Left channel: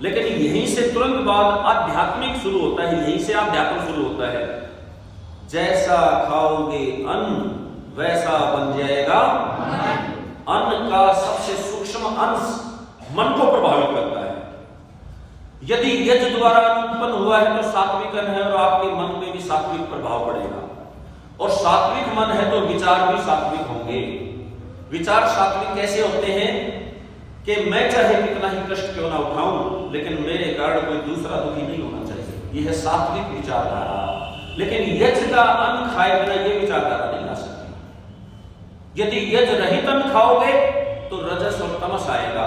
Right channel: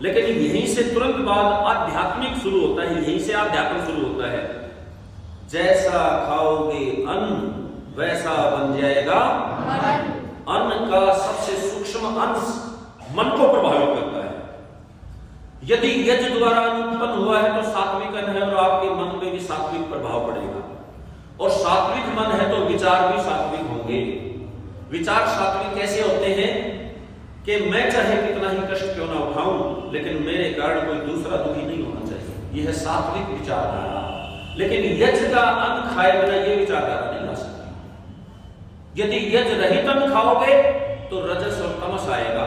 लेकिन यहीं से तुरंत बाद आध्यात्मिक शुरू होता है, यहीं से आध्यात्म शुरू होता है। जैसा खाओगे अन्न वैसा बन जाएगा। अन्न का सबसे सूक्ष्म अंश मन को प्रभावित करता है। यदि यज्ञ द्वारा अन्न उत्पन्न हुआ है तो सात्विक अन्न है और आपके मन में भी सात्विक प्रभाव पड़ेगा। और सात्विक मन है तो विचार भी सात्विक होंगे। विचार सात्विक कैसे होते हैं कि मैं चाहे कितना ही कष्ट क्यों ना उठाऊं, लेकिन मेरे कारण कोई दूसरा दुखी नहीं होना चाहिए। यह है सात्विक विचारधारा। लेकिन यज्ञ का अन्न खाए बिना यह विचारधारा नहीं आ सकती। यदि यज्ञ रहित अन्न खाओगे तो रजस और तमस आएगा।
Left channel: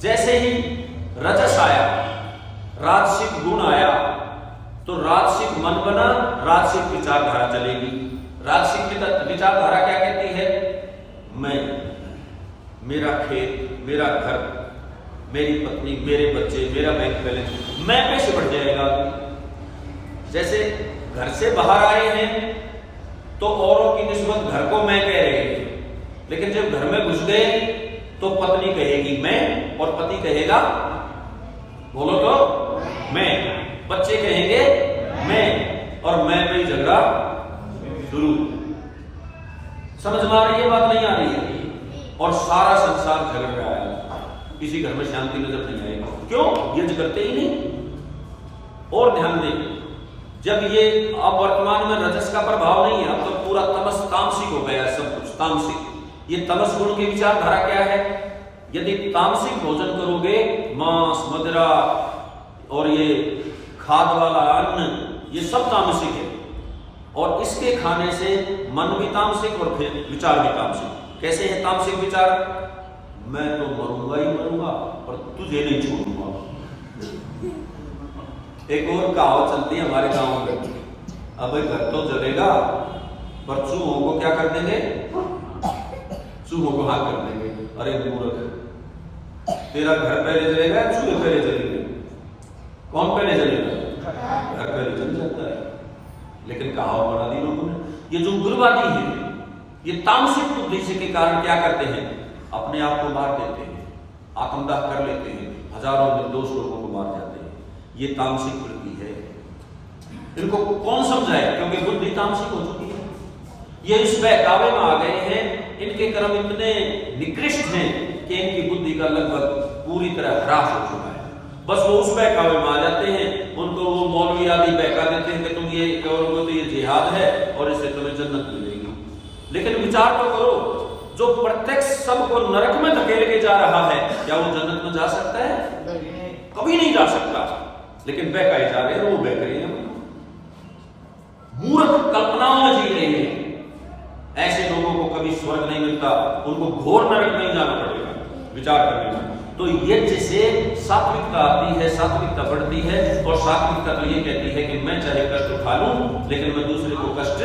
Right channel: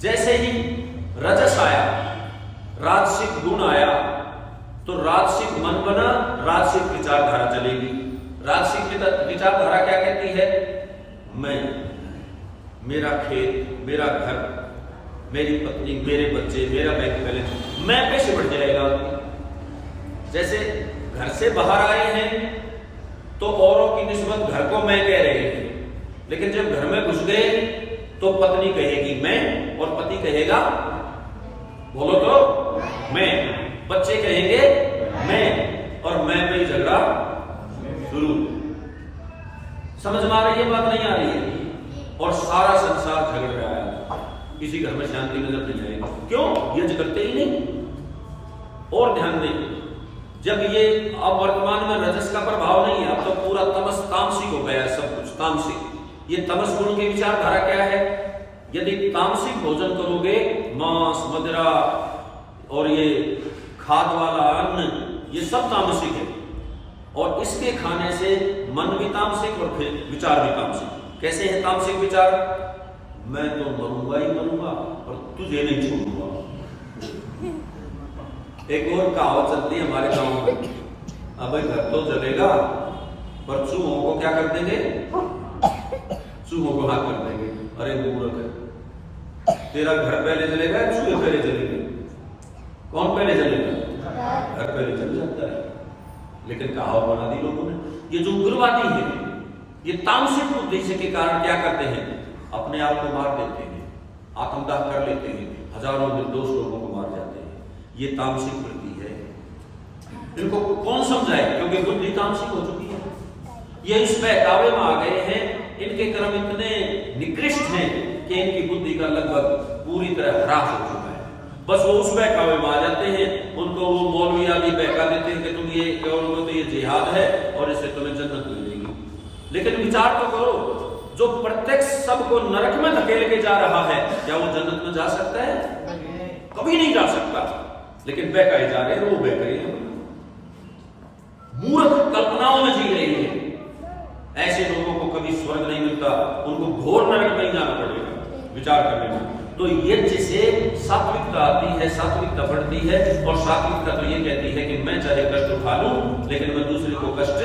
जैसे ही रजस आया, राजसिक गुण आया, तो राजसिक मन बना, राजसिक विचारधारा चलेगी। राजसिक विचारधारा क्या कहती है? मैं, मेरा खेत, मेरा घर, मेरी पत्नी, मेरे बच्चे, मेरा बैंक बैलेंस, मैं पे से बढ़ जाएगा। जैसे घर से बाहर आए हैं तो औरों की निस्बत घर को मैं कह रहे हैं, लेकिन जब घर में घुस गए तो पत्नी कहेगी मैं और पति कहेगा, बोलो तो, मैं। बच्चे कहेंगे मैं, और मैं पे ही झगड़ा शुरू। समझ में आ रही है बात? नहीं आ रही है? और सारा संसार झगड़ रहा है, किसी घर में शांति नजर नहीं आएगी। क्यों? यज्ञ करते ही नहीं। और ध्यान दें, जब ये अब वर्तमान में रजस का प्रभाव नहीं है, अब तो पूरा तमस तामसिक हो गया है, सब कुछ तामसिक। ये तमस गुण की विचारधारा क्या है? यदि तामसिक भोजन करोगे, मांस, मदिरा और ये खाद वाला अन्न, ये सब तामसिक है। और इसके खाने से मन भी तामसिक और फिर विचार भी तामसिक। कैसे है तामसिक विचार? मैं तो मरूंगा ही मरूंगा और तुझे नहीं छोड़ूंगा। एक और कहावत चलती है हमारे गांव में, अब घर तो जलेगा पर चूहों को क्या कर देंगे? चूहों को हाथ कर देंगे। अरे मूर्ख है, तेरा घर पहले जलेगा, चूहे पहले जलेंगे? कौन पहले जलेगा? घर पहले जल जाता है। लेकिन कहावत बना दी लोगों ने। ये जो उग्रवादी है, ये तामसिक उद्देश्य के कारण क्या करते हैं? अपने आप को मार देते हैं, आत्मदाह कर लेते हैं, हजारों निर्दोष लोगों को मार जाते हैं। ये तामसिक वृत्ति है। इनको कौन समझाए? क्योंकि बुद्धि तामसिक हो चुकी है। ये इस बहकावे में आ गए हैं, इनके कर्म इतने निकृष्ट हैं कि इनकी बुद्धि का लगभग पूरी तरह ह्रास हो चुका है। बस वो उस बहकावे में आ जाते हैं, उनको वो मौलवी आदि बहका देते हैं कि तुम ये करोगे तो ये जिहाद है और इससे तुम्हें जन्नत मिलेगी। लेकिन विचार तो करो, जो प्रत्यक्ष सबको नरक में धकेल के जा रहा है, क्या वो जन्नत में जा सकता है? कभी नहीं जा सकता। लेकिन बहकाए जा रहे हैं, वो बहक रहे हैं, मूर्ख कल्पनाओं में जी रहे हैं। ऐसे लोगों को कभी स्वर्ग नहीं मिलता, उनको घोर नरक में ही जाना पड़ेगा विचार करने में। तो यज्ञ से सात्विकता आती है, सात्विकता बढ़ती है। और सात्विकता तो ये कहती है कि मैं चाहे कष्ट उठा लूं, लेकिन मैं दूसरे को कष्ट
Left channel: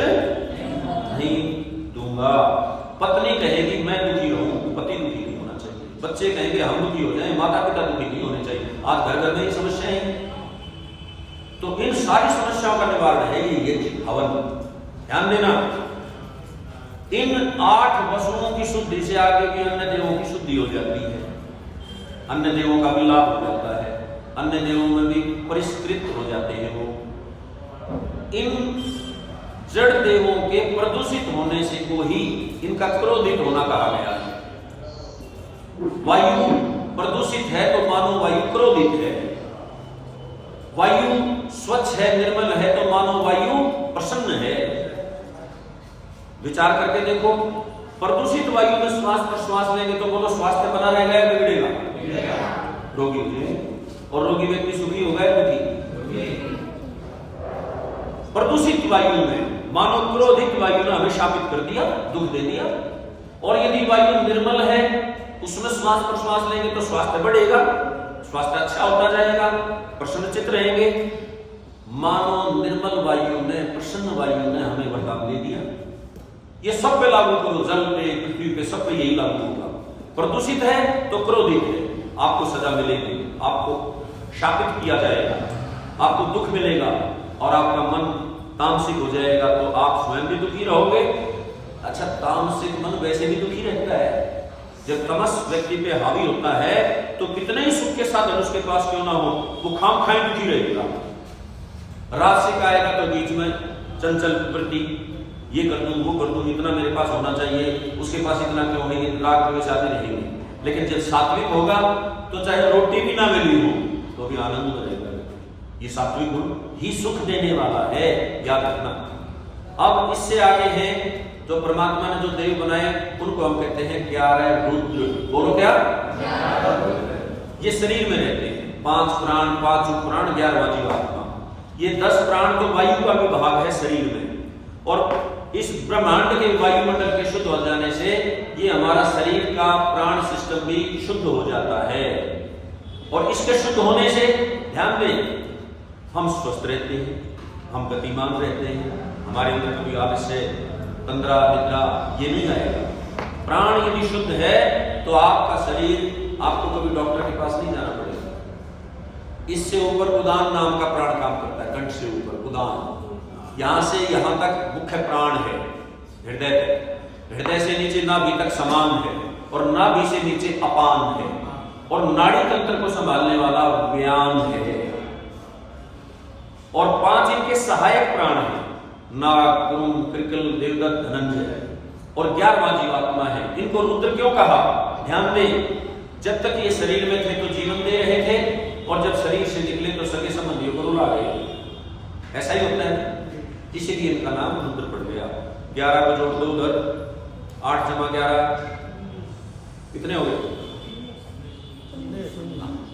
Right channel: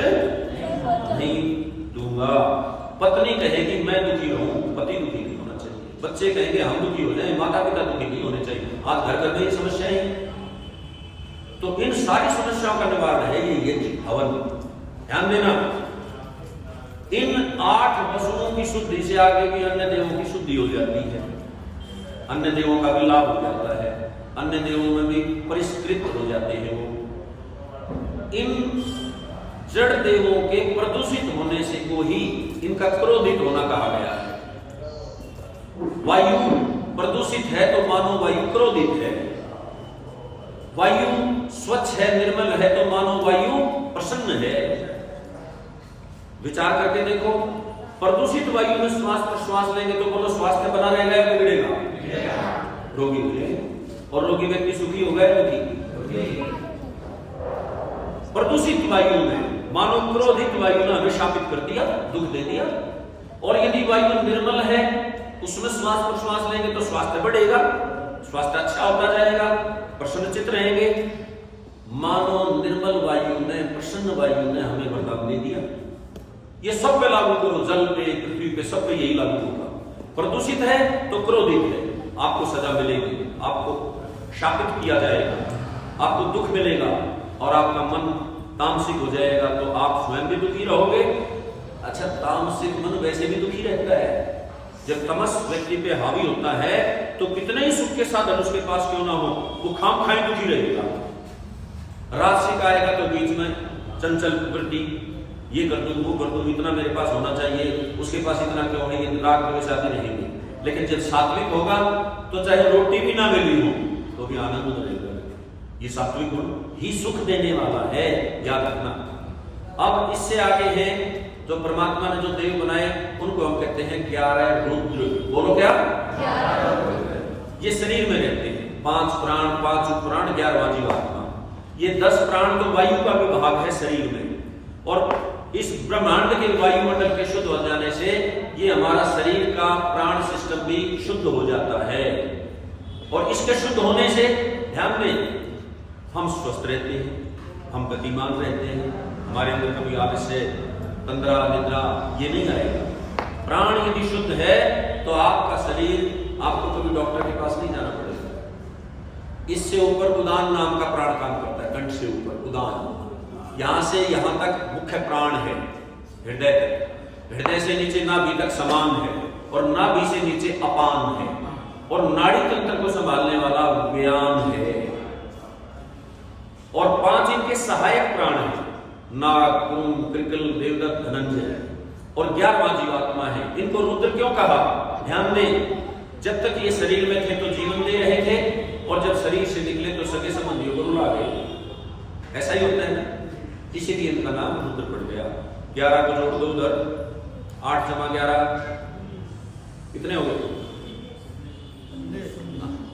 नहीं दूंगा। पत्नी कहेगी मैं दुखी रहूं, पति दुखी नहीं होना चाहिए। बच्चे कहेंगे हम दुखी हो जाएं, माता पिता दुखी नहीं होने चाहिए। आज घर घर में ये समस्याएं। तो इन सारी समस्याओं का निवारण है ये यज्ञ हवन। ध्यान देना, इन 8 वसुओं की शुद्धि से आगे की अन्य देवों की शुद्धि हो जाती है। अन्य देवों का भी लाभ हो जाता है, अन्य देवों में भी परिष्कृत हो जाते हैं वो। इन जड़ देवों के प्रदूषित होने से को ही इनका क्रोधित होना कहा गया है। वायु प्रदूषित है तो मानो वायु क्रोधित है। वायु स्वच्छ है, निर्मल है तो मानो वायु प्रसन्न है। विचार करके देखो, प्रदूषित वायु में श्वास प्रश्वास लेंगे तो बोलो स्वास्थ्य बना रहेगा या बिगड़ेगा? रोगी हो जाएंगे। और रोगी व्यक्ति सुखी होगा या दुखी? प्रदूषित वायु में मानो क्रोधित वायु ने हमें शापित कर दिया, दुख दे दिया। और यदि वायु निर्मल है, उसमें श्वास प्रश्वास लेंगे तो स्वास्थ्य बढ़ेगा, स्वास्थ्य अच्छा होता जाएगा, प्रसन्नचित रहेंगे। मानो निर्मल वायु ने, प्रसन्न वायु ने हमें वरदान दे दिया। ये सब पे लागू करो, जल पे, पृथ्वी पे, सब पे यही लागू होगा। प्रदूषित है तो क्रोधित है, आपको सजा मिलेगी, आपको शापित किया जाएगा, आपको दुख मिलेगा और आपका मन तामसिक हो जाएगा तो आप स्वयं भी दुखी रहोगे। अच्छा, तामसिक मन वैसे भी दुखी रहता है। जब तमस व्यक्ति पे हावी होता है तो कितने ही सुख के साधन उसके पास क्यों ना हो, वो खाम खाई दुखी रहेगा। राजसिक आएगा तो बीच में चंचल वृत्ति, ये कर दूं वो कर दूं, इतना मेरे पास होना चाहिए, उसके पास इतना क्यों है, ये राग द्वेष आदि रहेंगे। लेकिन जब सात्विक होगा तो चाहे रोटी भी ना मिली हो तो भी आनंद रहेगा। ये सात्विक गुण ही सुख देने वाला है, याद रखना। अब इससे आगे है जो परमात्मा ने जो देव बनाए उनको हम कहते हैं 11 रुद्र। बोलो क्या? ये शरीर में रहते हैं, 5 प्राण, 5 उपप्राण, 11वां जीवात्मा। ये 10 प्राण तो वायु का भी भाग है शरीर में, और इस ब्रह्मांड के वायुमंडल के शुद्ध हो जाने से ये हमारा शरीर का प्राण सिस्टम भी शुद्ध हो जाता है। और इसके शुद्ध होने से ध्यान दें, हम स्वस्थ रहते हैं, हम गतिमान रहते हैं, हमारे अंदर कभी आलस्य, तंद्रा, निद्रा ये नहीं आएगा। प्राण यदि शुद्ध है तो आपका शरीर, आपको कभी डॉक्टर के पास नहीं जाना पड़ेगा। इससे ऊपर उदान नाम का प्राण काम करता है, कंठ से ऊपर उदान, यहां से यहां तक मुख्य प्राण है, हृदय तक। हृदय से नीचे नाभि तक समान है, और नाभि से नीचे अपान है, और नाड़ी तंत्र को संभालने वाला व्यान है, और 5 इनके सहायक प्राण है, नाग, कुरुम, कृकल, देवदत्त, धनंजय, और 11वां जीवात्मा है। इनको रुद्र क्यों कहा? ध्यान दें, जब तक ये शरीर में थे तो जीवन दे रहे थे, और जब शरीर से निकले तो सगे संबंधियों को रुला गए। ऐसा ही होता है, इसीलिए इनका नाम रुद्र पड़ गया। 11 को जोड़ दो उधर, 8 जमा 11 कितने हो गए?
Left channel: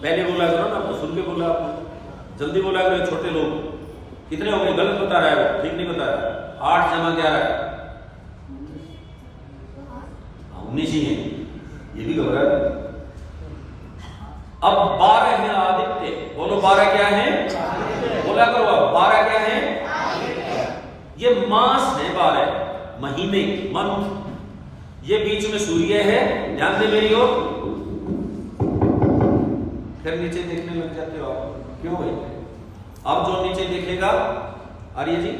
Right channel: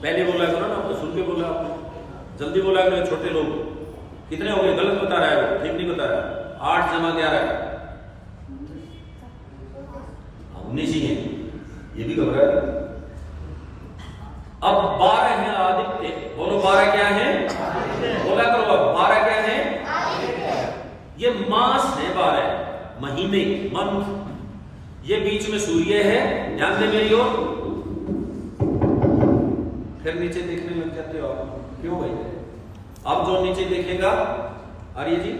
पहले बोला करो ना, तो सुन के बोला आपने, जल्दी बोला करो, छोटे लोग। कितने हो गए? गलत बता रहा है वो, ठीक नहीं बता रहा। 8 जमा 11 19 ही है, ये भी घबरा है। अब 12 है आदित्य। बोलो 12 क्या है? बोला करो अब 12 क्या है? ये मास है, 12 महीने, मंथ। ये बीच में सूर्य है, ध्यान दे मेरी ओर। फिर नीचे देखने लग जाते हो आप, क्यों भाई? अब जो नीचे देखेगा, आर्य जी,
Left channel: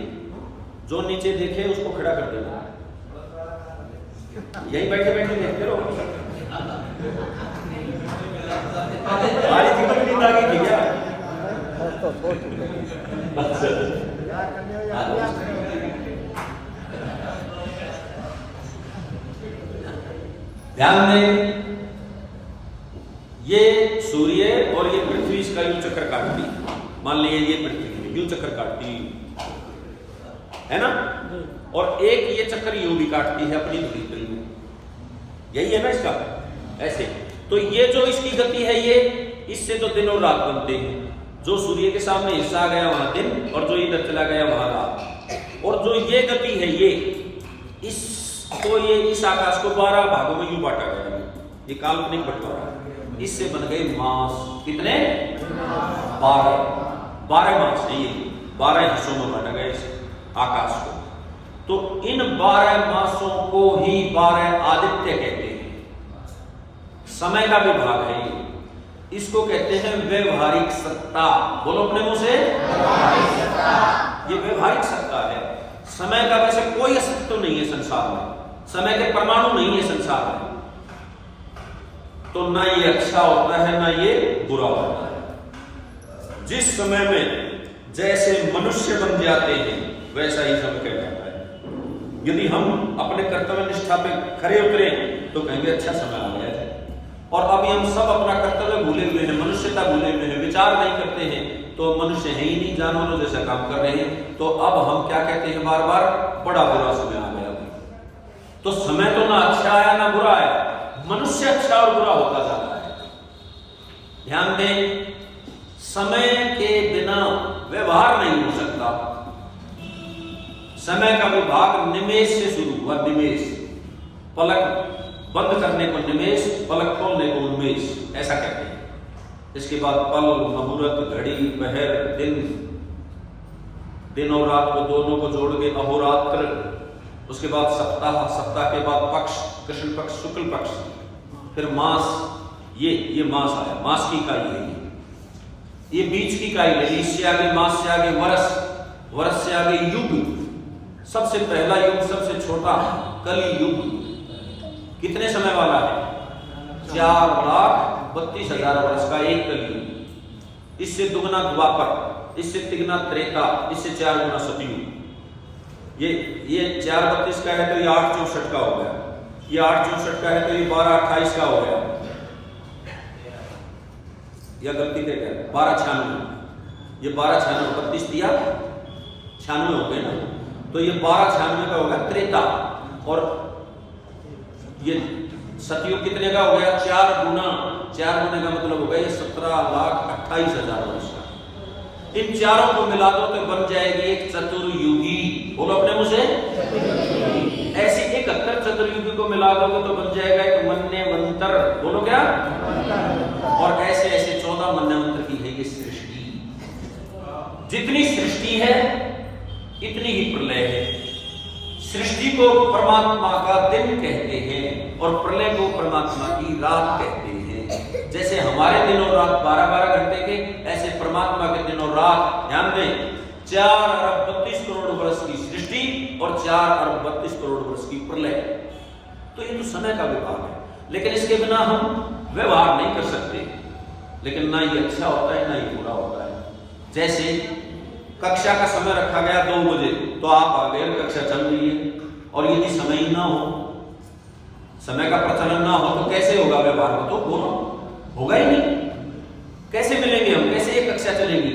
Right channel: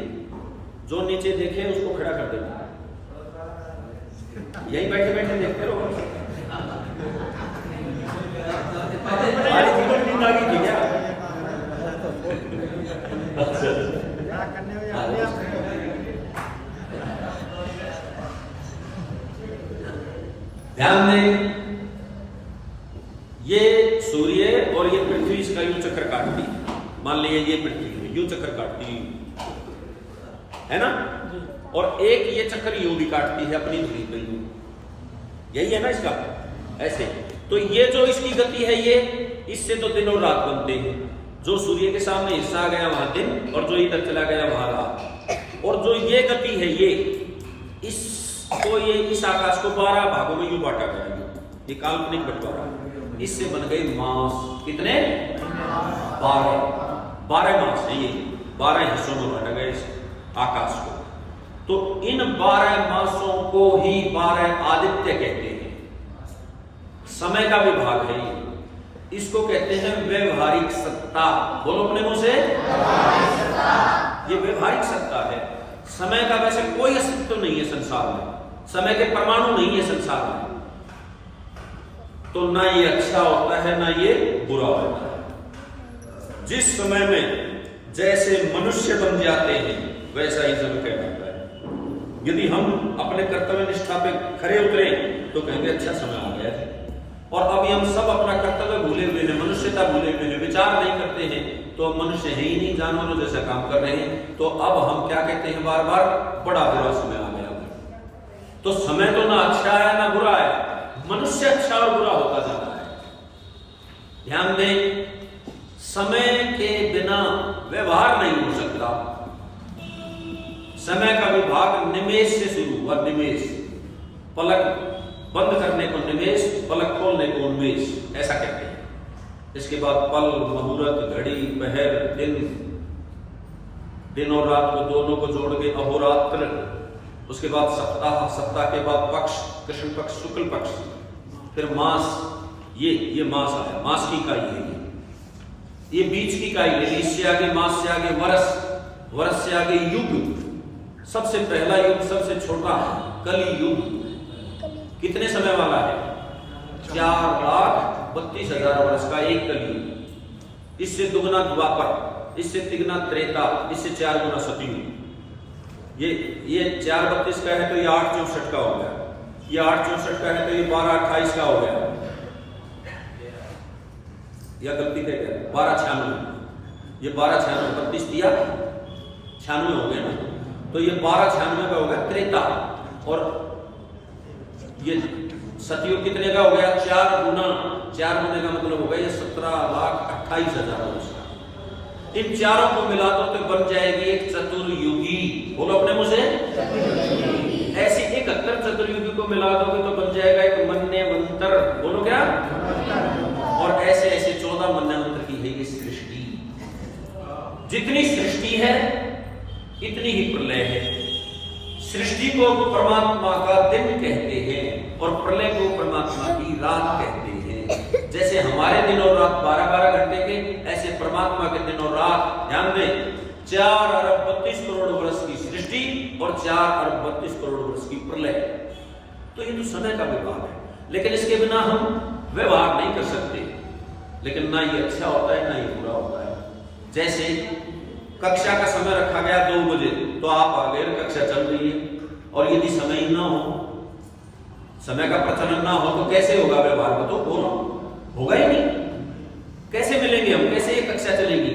जो नीचे देखे उसको खड़ा कर देना, यही बैठे बैठे देखते रहो। आर्य जी को नींद आ गई थी क्या? अच्छा, ध्यान दें, ये सूर्य और ये पृथ्वी इसका यूं चक्कर काटती है। मान लीजिए ये पृथ्वी यूं चक्कर काटती है ना, और एक ये चक्कर यूं भी काटती है अपनी धुरी पे, यूं, यही है ना इसका, ऐसे। तो ये जो इसकी गति है, ये इससे तो दिन और रात बनते हैं। जो सूर्य के सामने हिस्सा आ गया वहां दिन, और जो इधर चला गया वहां रात। और जो ये गति है, ये इस आकाश को 12 भागों में यूं बांटा गया, ये काल्पनिक बंटवारा। इससे बन गए मास। कितने? 12 मास है, ये 12 हिस्सों में बांटा गया इस आकाश को। तो इन 12 मासों को ही 12 आदित्य कहते हैं। समय का विभाग है ये, इसको कहते हैं व्यवहारिक सत्ता। बोलो अपने मुंह से, ये व्यवहारिक सत्ता है। समय का वैसे कोई अस्तित्व नहीं है संसार में, समय के परमाणु नहीं है संसार में। तो ना ये अच्छा होता है ना ये बुरा होता है। जिस समय में जैसे मनुष्य बन जाते हैं वैसा ही समय कहलाता है। यदि हम अपने कर्तव्य निष्ठा पे खरे उतरे तो कहेंगे अच्छा समय आ गया है। और अभी हम सब अपना कर्तव्य भूले हुए हैं, मनुष्यता भूले हुए हैं, विचार नहीं करते हैं, तो मनुष्य है ही नहीं, जानवरों जैसा काम कर रहे हैं। तो अब हम क्या कहते हैं बार बार, बड़ा बुरा समय आ गया। तो समय तो ना अच्छा आया ना बुरा आया, मनुष्य अच्छा और बुरा होता जा रहा है। ध्यान दें, समय के बिना व्यवहार नहीं हो सकता। समय का विभाग निमेष से शुरू हुआ। निमेष, पलक बंद करने को निमेष, पलक खोलने को उन्मेष, ऐसा कहते हैं। इसके बाद पल, मुहूर्त, घड़ी, पहर, दिन और रात को दोनों को जोड़ के अहोरात्र। उसके बाद सप्ताह, सप्ताह के बाद पक्ष, कृष्ण पक्ष, शुक्ल पक्ष, फिर मास। ये मास आया, मास की इकाई है ये बीच की इकाई है। इससे आगे, मास से आगे वर्ष, वर्ष से आगे युग। सबसे पहला युग, सबसे छोटा कली युग। कितने समय वाला है? 4,00,000 32,000 वर्ष का एक कलयुग, इससे दुगना द्वापर, इससे तिगना त्रेता, इससे 4 गुना सतयुग। ये 4 32 का है तो ये 8 64 का हो गया, ये 8 64 का है तो ये 12 28 का हो गया, या गलती है क्या, 12 96, ये 12 96 32 दिया 96 हो गए ना, तो ये 12 96 का हो गया त्रेता। और ये सतयुग कितने का हो गया, 4 गुना का मतलब हो गया ये 17,28,000 वर्ष का। इन चारों को मिला दो तो बन जाएगी एक चतुर्युगी। बोलो अपने मुंह से, ऐसी 71 चतुर्युगी को मिला दोगे तो बन जाएगा एक मन्वंतर। बोलो क्या, और ऐसे ऐसे 14 मन्वंतर की है ये सृष्टि। जितनी सृष्टि है इतनी ही प्रलय है। सृष्टि को परमात्मा का दिन कहते हैं और प्रलय को परमात्मा की रात कहते हैं। जैसे हमारे दिन और रात 12-12 घंटे के, ऐसे परमात्मा के दिन और रात, ध्यान दें, 4 अरब 32 करोड़ वर्ष की सृष्टि और 4 अरब 32 करोड़ वर्ष की प्रलय। तो ये तो समय का विभाग है, लेकिन इसके बिना हम व्यवहार नहीं कर सकते। लेकिन ना ये अच्छा होता है ना ये बुरा होता है। जैसे कक्षा का समय रखा गया 2 बजे, तो आप आ गए, कक्षा चल रही है, और यदि समय ही ना हो, समय का प्रचलन ना हो, तो कैसे होगा व्यवहार? हो तो बोलो, होगा ही नहीं। कैसे मिलेंगे हम, कैसे ये कक्षा चलेगी?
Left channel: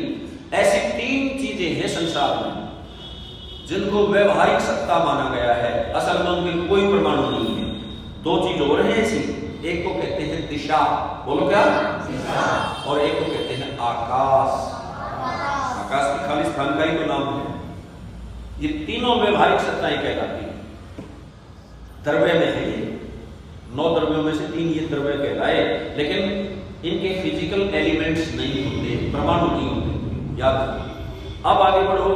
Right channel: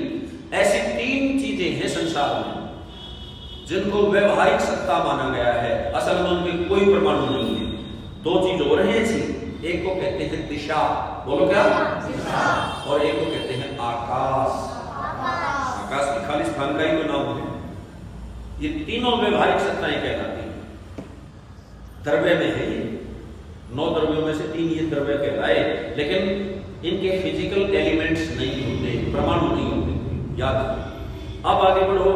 ऐसी 3 चीजें हैं संसार में जिनको व्यवहारिक सत्ता माना गया है, असल में उनके कोई परमाणु नहीं है। 2 चीज और हैं ऐसी, एक को कहते हैं दिशा, बोलो क्या, और एक को कहते हैं आकाश। आकाश की खाली स्थान का ही तो नाम है। ये तीनों व्यवहारिक सत्ताएं कहलाती हैं। द्रव्य में है ये, 9 द्रव्यों में से 3 ये द्रव्य कहलाए, लेकिन इनके फिजिकल एलिमेंट्स नहीं होते, परमाणु नहीं होते, याद रखो। अब आगे बढ़ो।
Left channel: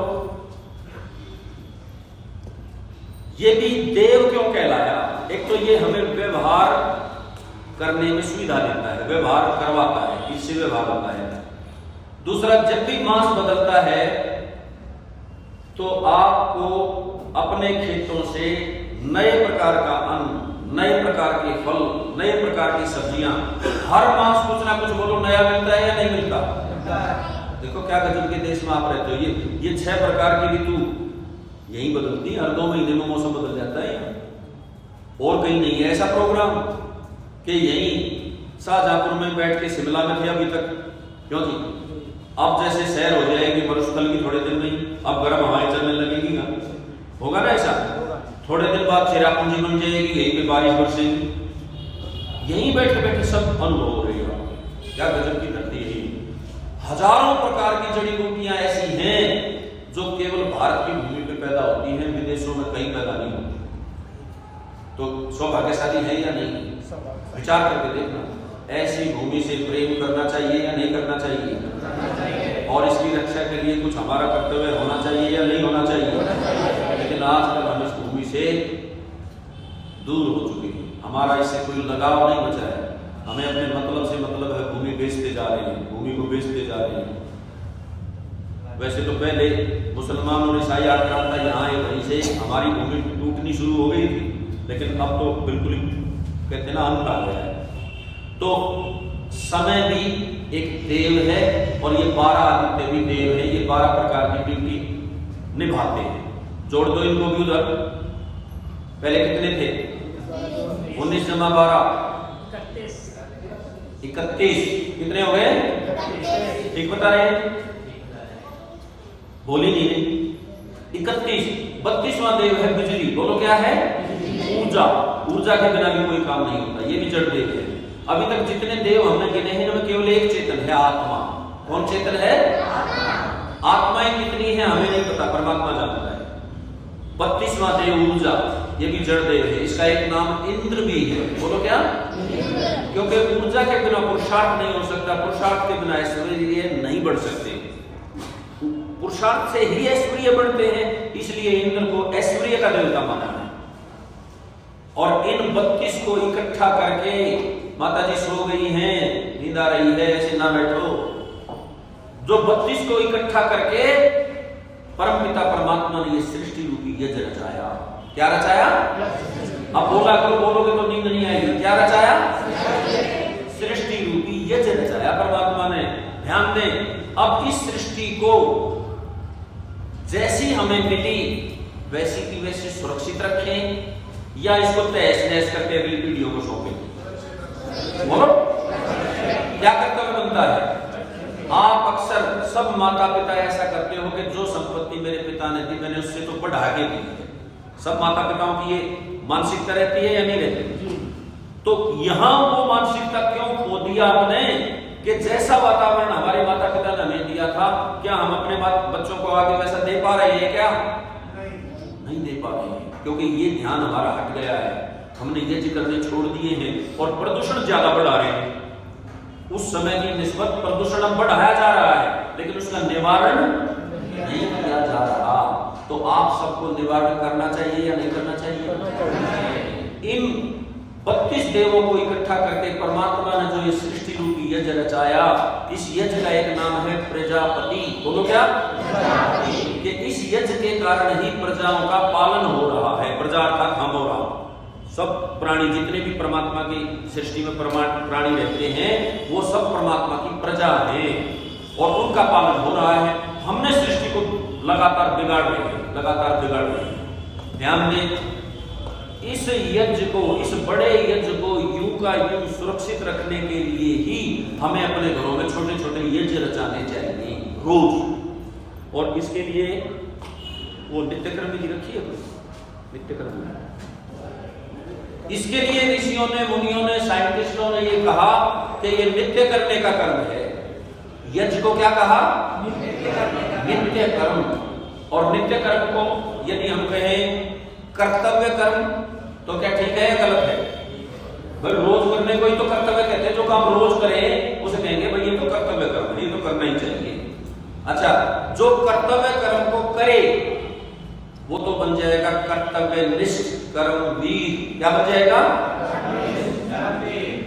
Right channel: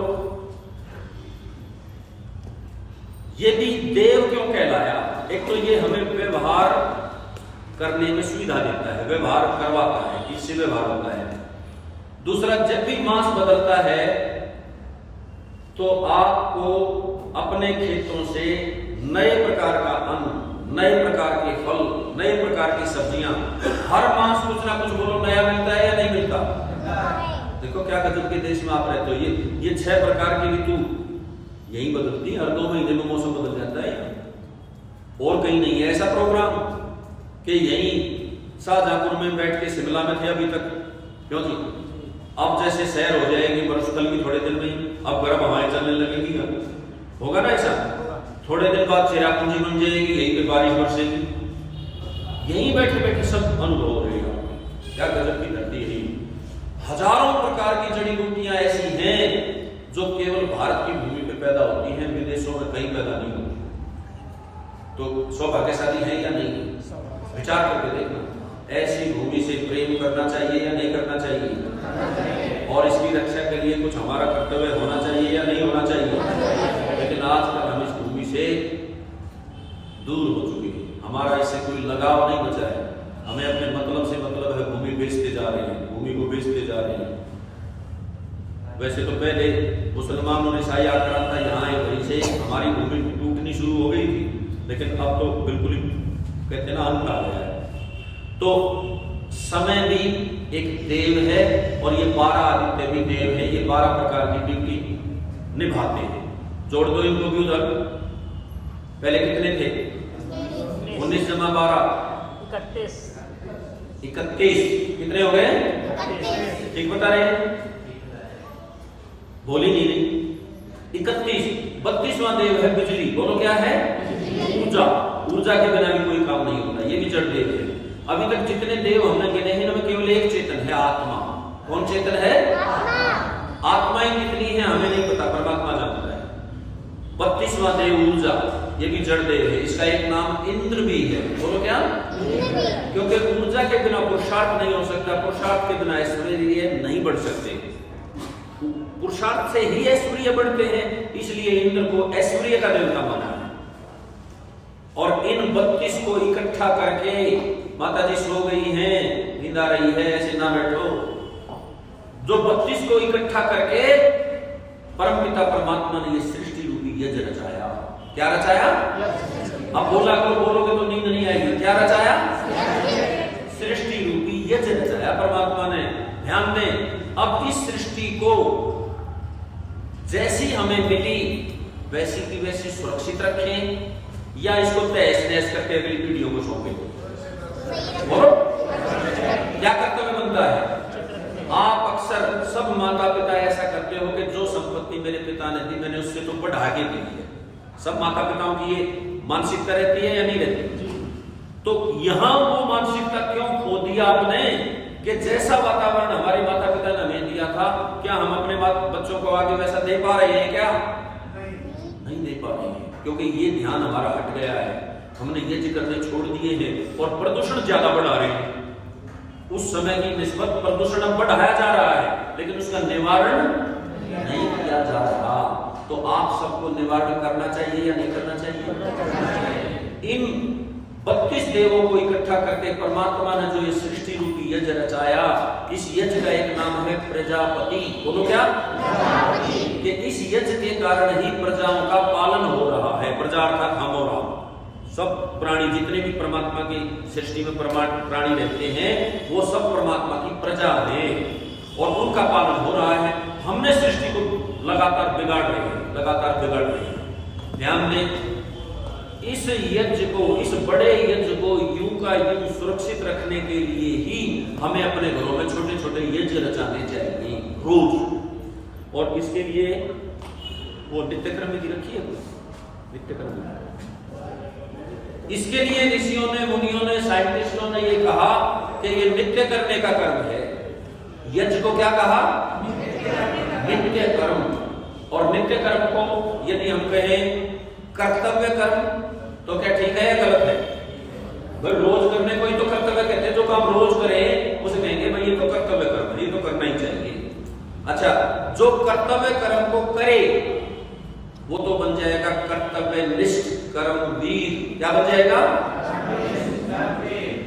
ये भी देव क्यों कहलाया? एक तो ये हमें व्यवहार करने में सुविधा देता है, व्यवहार करवाता है, इससे व्यवहार होता है। दूसरा, जब भी मास बदलता है तो आपको अपने खेतों से नए प्रकार का अन्न, नए प्रकार के फल, नए प्रकार की सब्जियां, हर मास कुछ ना कुछ बोलो नया मिलता है या नहीं मिलता? देखो क्या गजब के देश में आप रहते हो। ये 6 प्रकार की ऋतु यही बदलती है, हर 2 महीने में मौसम बदल जाता है, और कहीं नहीं है ऐसा प्रोग्राम कि यही शाहजहांपुर में बैठ के शिमला में थे अभी तक। क्यों जी? अब जैसे सैर हो जाएगी मरुस्थल की थोड़े दिन में, अब गर्म हवाएं चलने लगेगी ना, होगा ना ऐसा? थोड़े दिन बाद चेरापूंजी बन जाएगी, यहीं पे बारिश बरसेगी, यहीं बैठे बैठे सब अनुभव हो रही है। क्या गजब की धरती है। हजारों प्रकार की जड़ी बूटियां ऐसी हैं जो केवल भारत की भूमि पे पैदा होती हैं, विदेशों में कहीं पैदा नहीं होती। तो सौभाग्यशाली है या नहीं? विचार करके देखना। ऐसी भूमि से प्रेम करना चाहिए या नहीं करना चाहिए? और इसकी रक्षा के लिए कुछ हमारा कर्तव्य होना चाहिए या नहीं होना चाहिए? लेकिन आजकल हम इस भूमि से दूर हो चुके हैं, हमारा इससे कोई लगाव नहीं बचा है। हमें अपने मतलब से मतलब है, भूमि बेचते जा रहे हैं, भूमि को बेचते जा रहे हैं। वैसे तो पहले मुसलमान और ईसाई आक्रांता यहाँ है, वहीं से हमारी भूमि टूटनी शुरू हो गई थी, लेकिन अब तो बिल्कुल ही कहते ना अंत आ गया है। तो समय भी एक देव है और ये 12 आदित्य भी देव है। ये 12 प्रकार की ड्यूटी निभाते हैं। जोड़ दो इनको भी उधर। पहले कितने थे? 19 जमा 12 31। कितने हो गए? ठीक बता रहे हैं? बोली नहीं। 31। 32वां देव है बिजली। बोलो क्या है? ऊर्जा। ऊर्जा के बिना भी कोई काम नहीं होता, ये भी जड़ देव है। अभी तक जितने देव हमने गिने हैं इनमें केवल एक चेतन है, आत्मा। कौन चेतन है? आत्माएं कितनी है हमें नहीं पता, परमात्मा जानता है। 32वां देव ऊर्जा, ये भी जड़ देव है। इसका एक नाम इंद्र भी है। बोलो क्या? क्योंकि ऊर्जा के बिना पुरुषार्थ नहीं हो सकता, पुरुषार्थ के बिना ऐश्वर्य नहीं बढ़ सकते। पुरुषार्थ से ही ऐश्वर्य बढ़ते हैं, इसलिए इंद्र को ऐश्वर्य का देवता माना है। और इन 32 को इकट्ठा करके, माता जी सो गई हैं, नींद आ रही है, ऐसे ना बैठो। जो 32 को इकट्ठा करके परमपिता परमात्मा ने ये सृष्टि रूपी यज्ञ रचाया। क्या रचाया? अब बोला करो, बोलोगे तो नींद नहीं आएगी। क्या रचाया? सृष्टि रूपी यज्ञ रचाया परमात्मा ने। ध्यान दें, अब इस सृष्टि को जैसी हमें मिली वैसी की वैसी सुरक्षित रखें या इसको तहस नहस करके अगली पीढ़ियों को सौंपें? बोलो, क्या कर्तव्य बनता है? आप अक्सर सब माता पिता ऐसा करते हो कि जो संपत्ति मेरे पिता ने दी मैंने उससे तो बढ़ा के दी है। सब माता पिताओं की ये मानसिकता रहती है या नहीं रहती? तो यहां वो मानसिकता क्यों खो दिया आपने कि जैसा वातावरण हमारे माता पिता ने हमें दिया था, क्या हम अपने बच्चों को आगे वैसा दे पा रहे हैं? क्या नहीं दे पा रहे हैं, क्योंकि ये ध्यान हमारा हट गया है। हमने यज्ञ करने छोड़ दिए हैं और प्रदूषण ज्यादा बढ़ा रहे हैं। उस समय की निस्बत प्रदूषण अब बढ़ाया जा रहा है, लेकिन उसका निवारण नहीं किया जा रहा। तो आप सबको निवारण करना चाहिए या नहीं करना चाहिए? इन 32 देवों को इकट्ठा करके परमात्मा ने जो ये सृष्टि रूपी यज्ञ रचाया, इस यज्ञ का एक नाम है प्रजापति। बोलो क्या? कि इस यज्ञ के कारण ही प्रजाओं का पालन हो रहा है। प्रजा अर्थात हम और आप सब प्राणी, जितने भी परमात्मा की सृष्टि में प्राणी रहते हैं वो सब परमात्मा की प्रजा हैं और उनका पालन हो रहा है। हमने सृष्टि को लगातार बिगाड़ रहे हैं। ध्यान दें, इस यज्ञ को, इस बड़े यज्ञ को यूं का यूं सुरक्षित रखने के लिए ही हमें अपने घरों में छोटे छोटे यज्ञ रचाने चाहिए रोज। और इसके लिए वो नित्यक्रम विधि रखी है, नित्यक्रम। इसके लिए ऋषियों ने, मुनियों ने, साइंटिस्टों ने ये कहा कि ये नित्य करने का कर्म है। यज्ञ को क्या कहा? नित्य कर्म। और नित्य कर्म को यदि हम कहें कर्तव्य कर्म तो क्या ठीक है या गलत है? भाई रोज करने को ही तो कर्तव्य कहते हैं। जो काम रोज करें उसे कहेंगे भाई ये तो कर्तव्य कर्म है, ये तो करना ही चाहिए। अच्छा, जो कर्तव्य कर्म को करे वो तो बन जाएगा कर्तव्य निष्ठ कर्मवीर। क्या बन जाएगा?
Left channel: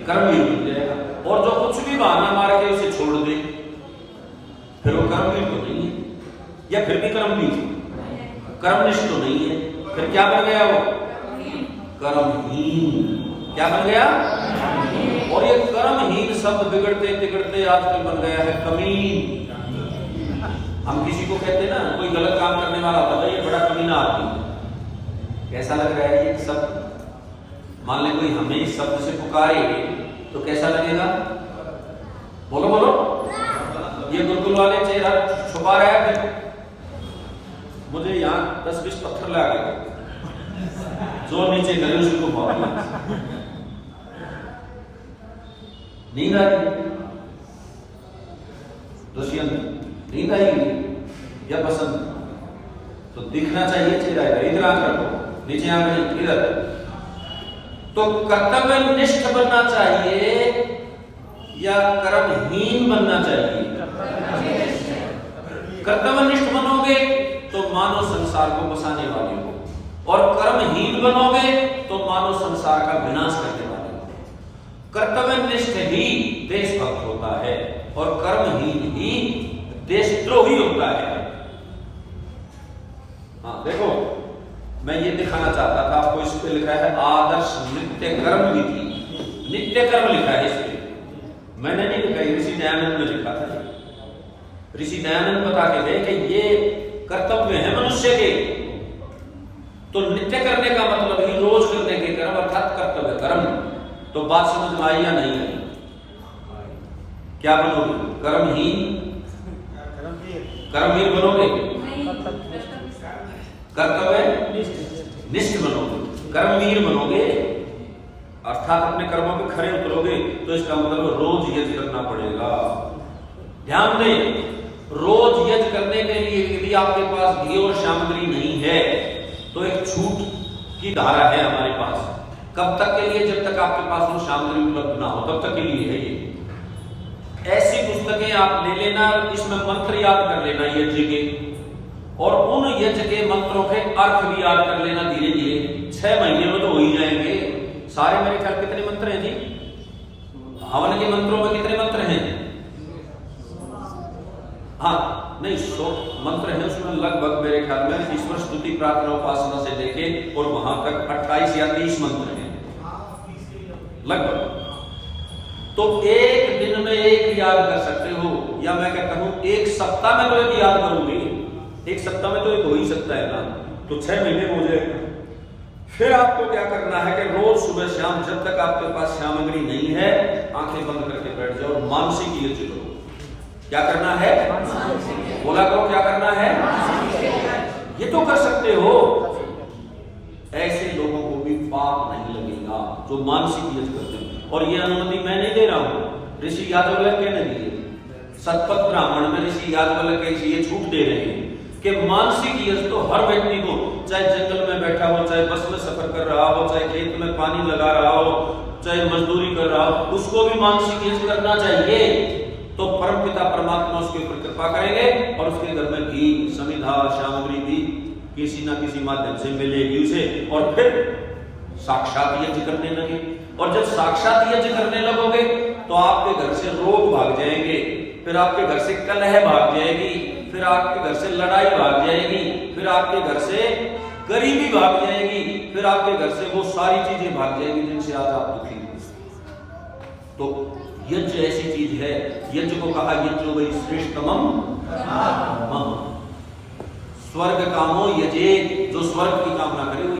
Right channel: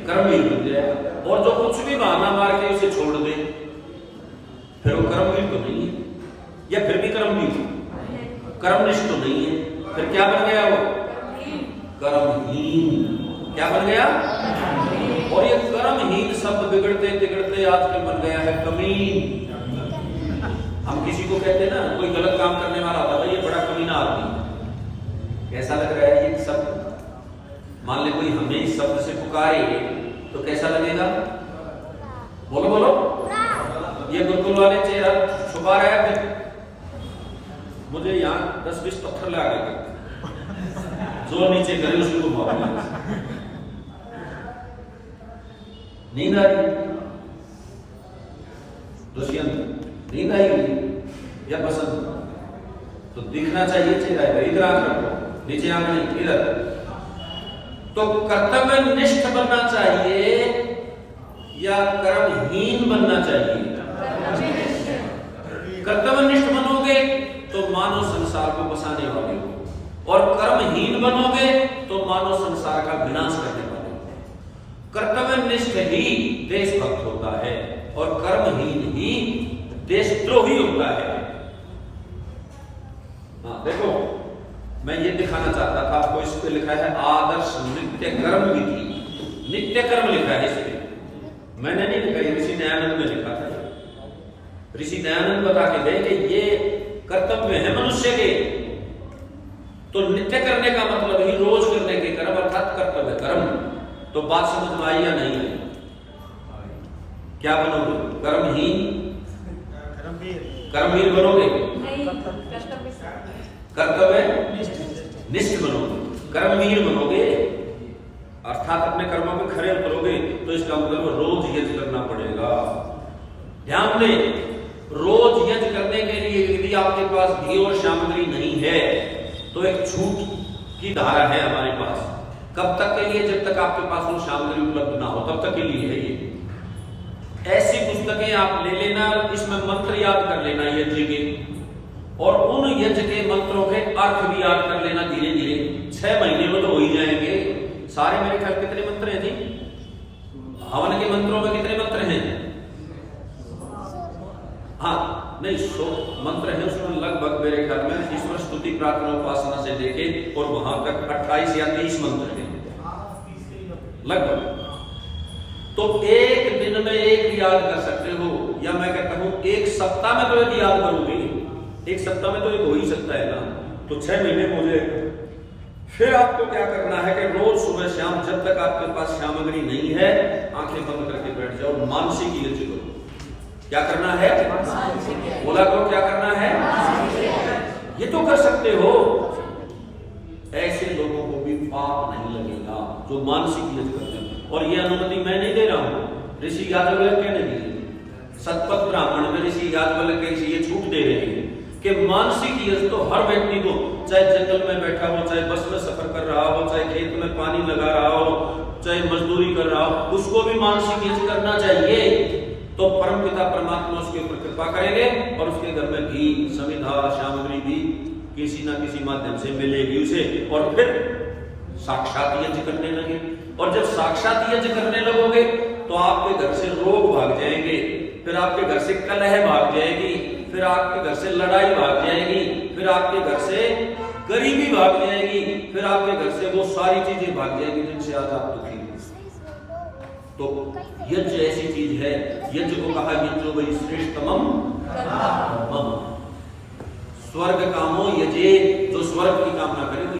कर्मवीर बन जाएगा। और जो कुछ भी बहाना मार के उसे छोड़ दे फिर वो कर्मवीर तो नहीं है, या फिर भी कर्मवीर, कर्मनिष्ठ तो नहीं है। फिर क्या बन गया वो? कर्महीन। क्या बन गया? और ये कर्महीन शब्द बिगड़ते बिगड़ते आजकल बन गया है कमीन। हम किसी को कहते हैं ना, कोई गलत काम करने वाला होता है, ये बड़ा कमीना आदमी। कैसा लग रहा है ये शब्द? मान ले कोई हमें इस शब्द से पुकारे तो कैसा लगेगा? बोलो बोलो। ये गुरुकुल वाले चेहरा छुपा रहा है, फिर मुझे यहाँ 10-20 पत्थर लगा के जो नीचे करे उसको मारो। नींद आई? दुष्यंत नींद आएगी या पसंद? तो दिखना चाहिए चेहरा, इधर आंख रखो, नीचे आंख नहीं, इधर। तो कर्तव्य निष्ठ बनना चाहिए या कर्महीन बनना चाहिए? कर्तव्य निष्ठ बनोगे तो मानव संसार को बसाने वाले हो, और कर्महीन बनोगे तो मानव संसार का विनाश करने वाले हो। कर्तव्य निष्ठ ही देशभक्त होता है और कर्महीन ही देशद्रोही होता है। हाँ देखो, मैं ये दिखाना चाहता था आपको। इस पे लिखा है आदर्श नित्य कर्म विधि। नित्य कर्म लिखा है इस पे, मैंने नहीं लिखा, ऋषि दयानंद ने लिखा था। ऋषि दयानंद बता के गए कि ये कर्तव्य है मनुष्य के। तो नित्य करने का मतलब ही रोज करने के कर्म अर्थात कर्तव्य कर्म। तो बात समझ में आई या नहीं आई? क्या बनोगे? कर्महीन, कर्मवीर बनोगे? कर्तव्य निष्ठ बनोगे, कर्मवीर बनोगे, अर्थात अपने कर्मों पे खरे उतरोगे। तो इसका मतलब रोज यज्ञ करना पड़ेगा। ध्यान दें, रोज यज्ञ करने के लिए यदि आपके पास घी और सामग्री नहीं है तो एक छूट की धारा है हमारे पास। कब तक के लिए? जब तक आपके पास वो सामग्री उपलब्ध ना हो तब तक के लिए है ये। ऐसी पुस्तकें आप ले लेना, इसमें मंत्र याद कर लेना यज्ञ के, और उन यज्ञ के मंत्रों के अर्थ भी याद कर लेना धीरे धीरे। 6 महीने में तो हो ही जाएंगे सारे। मेरे ख्याल कितने मंत्र हैं जी? हवन के मंत्रों में कितने मंत्र हैं? हाँ नहीं, 100 मंत्र है उसमें लगभग मेरे ख्याल में ईश्वर स्तुति प्रार्थना उपासना से लेके और वहां तक 28 या 30 मंत्र हैं लगभग। तो एक दिन में एक याद कर सकते हो, या मैं कहता हूं एक सप्ताह में तो एक याद करोगे, एक सप्ताह में तो एक हो ही सकता है ना, तो 6 महीने में हो जाएगा। फिर आपको क्या करना है कि रोज सुबह शाम जब तक आपके पास सामग्री नहीं है, आंखें बंद करके बैठ जाओ, मानसिक यज्ञ करो। क्या करना है? बोला करो, क्या करना है? ये तो कर सकते हो। ऐसे लोगों को भी पाप नहीं लगेगा जो मानसिक यज्ञ करते हैं। और ये अनुमति मैं नहीं दे रहा हूं, ऋषि याज्ञवल्क्य ने दी है। शतपथ ब्राह्मण में ऋषि याज्ञवल्क्य ये छूट दे रहे हैं कि मानसिक यज्ञ तो हर व्यक्ति को, चाहे जंगल में बैठा हो, चाहे बस में सफर कर रहा हो, चाहे खेत में पानी लगा रहा हो, चाहे मजदूरी कर रहा हो, उसको भी मानसिक यज्ञ करना चाहिए। तो परमपिता परमात्मा उसके ऊपर कृपा करेंगे और उसके घर में घी, समिधा, सामग्री भी किसी ना किसी माध्यम से मिलेगी उसे, और फिर साक्षात यज्ञ करने लगे। और जब साक्षात यज्ञ करने लगोगे तो आपके घर से रोग भाग जाएंगे, फिर आपके घर से कलह भाग जाएगी, फिर आपके घर से लड़ाई भाग जाएगी, फिर आपके घर से गरीबी भाग जाएगी, फिर आपके घर से वो सारी चीजें भाग जाएंगी जिनसे आज आप दुखी हैं। तो यज्ञ ऐसी चीज है, यज्ञ को कहा यज्ञो वै श्रेष्ठतमम् धर्मः। स्वर्ग कामो यजेत, जो स्वर्ग की कामना करे